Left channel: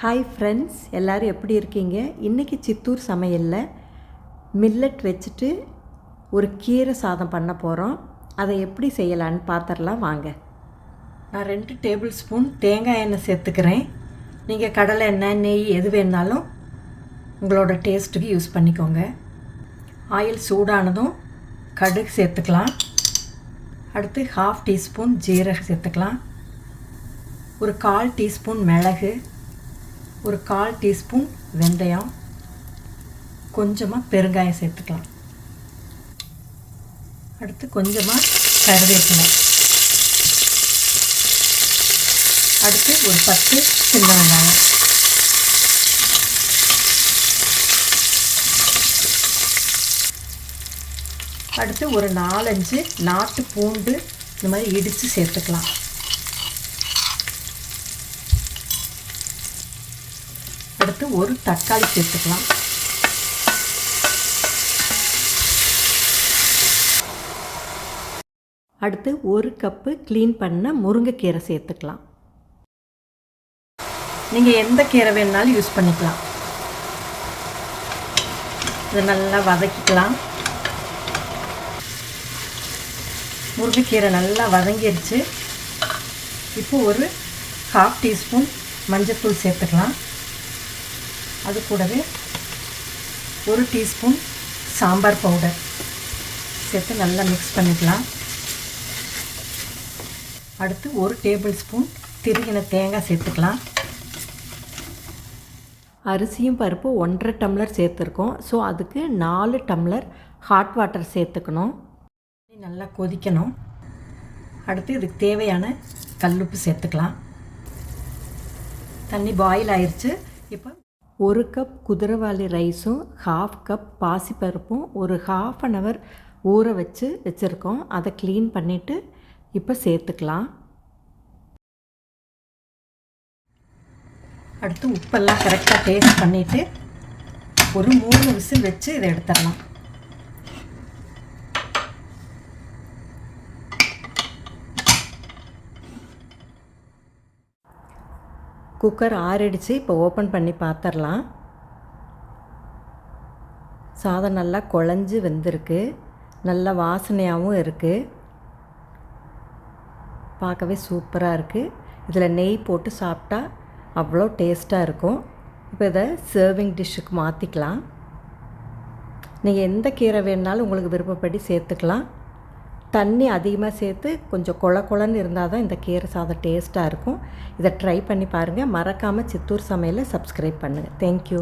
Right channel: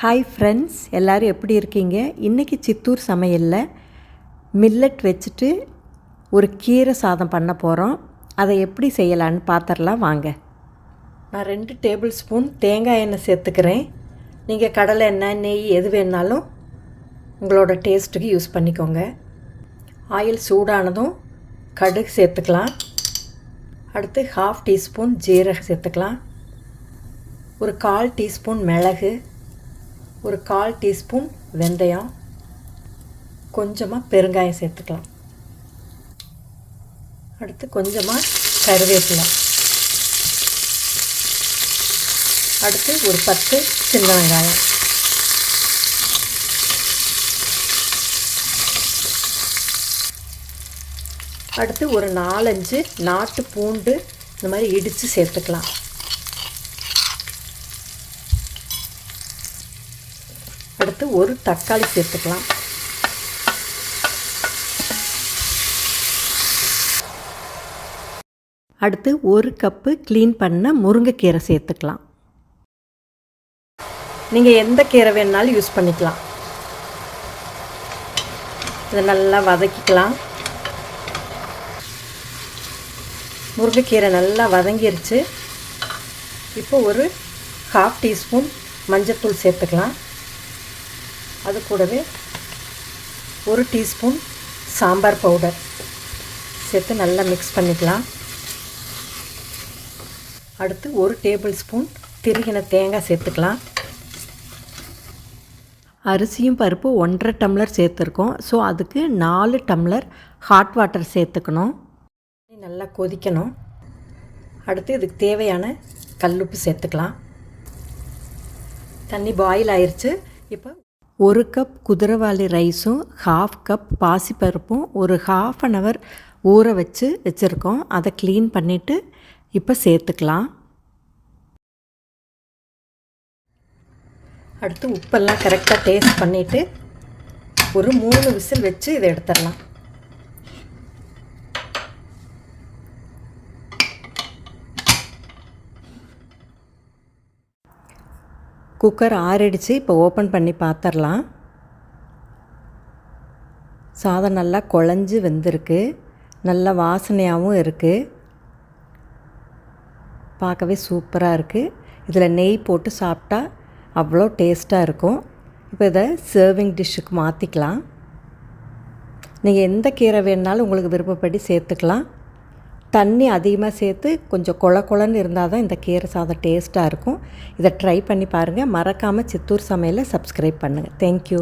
Hi friends, எல்லோரும் எப்படி இருக்கீங்க? இன்றைக்கி சித்தூர் சமையலில் மில்லட் வச்சுட்டு ஒரு கீரை சாதம் பண்ண போகிறோம். அதை எப்படி செய்யலான்னு பார்த்துடலாம் வாங்க. நான் 2 டேபிள் ஸ்பூன் தேங்காய் எண்ணெய் சேர்த்துக்கிறேன். நீங்கள் கடலை எண்ணெய், நெய் எது வேணாலும் உங்களோட டேஸ்ட்டுக்கு யூஸ் பண்ணிக்கோங்க. ஆயில் சூடானதும் கடுகு சேர்த்துக்கலாம். அடுத்து 1/2 டீஸ்பூன் ஜீரகம் சேர்த்துக்கலாம். ஒரு 1/4 டீஸ்பூன் மிளகு, ஒரு 1/4 டீஸ்பூன் வெந்தயம், கொஞ்சமாக பெருங்காயம் சேர்த்துக்கலாம். அடுத்து கொஞ்சமாக கருவேப்பிலை, அடுத்து ஒரு 10 சின்ன வெங்காயம், அடுத்து ஒரு 4-5 நாட்டு பூண்டு இந்த மாதிரி இடித்து சேர்த்துக்கலாம். அடுத்து ஒரு தக்காளி சேர்த்துக்கலாம். அடுத்து 1 கப்பு க்ளீன் பண்ண முருங்கைக்கீரை சேர்த்துக்கலாம். நீங்கள் எந்த கீரை வேணுனாலும் யூஸ் பண்ணிக்கலாம். இதை நல்லா வதக்கிக்கலாம். முருங்கைக்கீரை நல்லா வதங்கிருச்சு. இப்போ ஒரு 1/2 டீஸ்பூன் மஞ்சள்தூள் சேர்த்துக்கலாம். அது கூடவே 1 டீஸ்பூன் சாம்பார் பவுடர் சேர்த்து நல்லா மிக்ஸ் பண்ணிக்கலாம். அடுத்து 1 டேபிள் ஸ்பூன் திருகின தேங்காய் சேர்த்துக்கலாம். அரிசியும் பருப்பு 1.5 டம்ளர் சேர்த்துருக்கோம். ஸோ அதுக்கு 4 டம்ளர் ஹாட் வாட்டர் சேர்த்துக்கணும். நல்லா கொதிக்கணும். அடுத்து இதுக்கு தேவையான கல்லுப்பு சேர்த்துக்கலாம். தண்ணி பாயில் ஆயிடுச்சு. இப்போ 1 கப் குதிரைவாலி ரைஸும் 1/2 கப் பாசிப்பருப்பும் ஒரு 1/2 அன் ஹவர் ஊற வச்சுருக்கோம். அதை க்ளீன் பண்ணிவிட்டு இப்போ சேர்த்துக்கலாம். அடுத்து உப்பெல்லாம் கரெக்டாக டேஸ்ட் பண்ணிவிட்டு ஒரு 3 விசில் வச்சு இதை எடுத்துடலாம். குக்கர் ஆறிடுச்சு. இப்போ ஓப்பன் பண்ணி பார்த்துடலாம். சாதம் நல்லா குழஞ்சி வெந்திருக்கு. நல்ல வாசனையாகவும் இருக்குது. பார்க்கவே சூப்பராக இருக்குது. இதில் நெய் போட்டு சாப்பிட்டா அவ்வளோ டேஸ்ட்டாக இருக்கும். இப்போ இதை சர்விங் டிஷ்ஷுக்கு மாற்றிக்கலாம். நீங்கள் எந்த கீரை வேணுனாலும் உங்களுக்கு விருப்பப்படி சேர்த்துக்கலாம். தண்ணி அதிகமாக சேர்த்து கொஞ்சம் கொழன்னு இருந்தால் தான் இந்த கீரை சாதம் டேஸ்ட்டாக இருக்கும். இதை ட்ரை பண்ணி பாருங்கள். மறக்காமல் சித்தூர் சமையலை சப்ஸ்கிரைப் பண்ணுங்கள். தேங்க்யூ.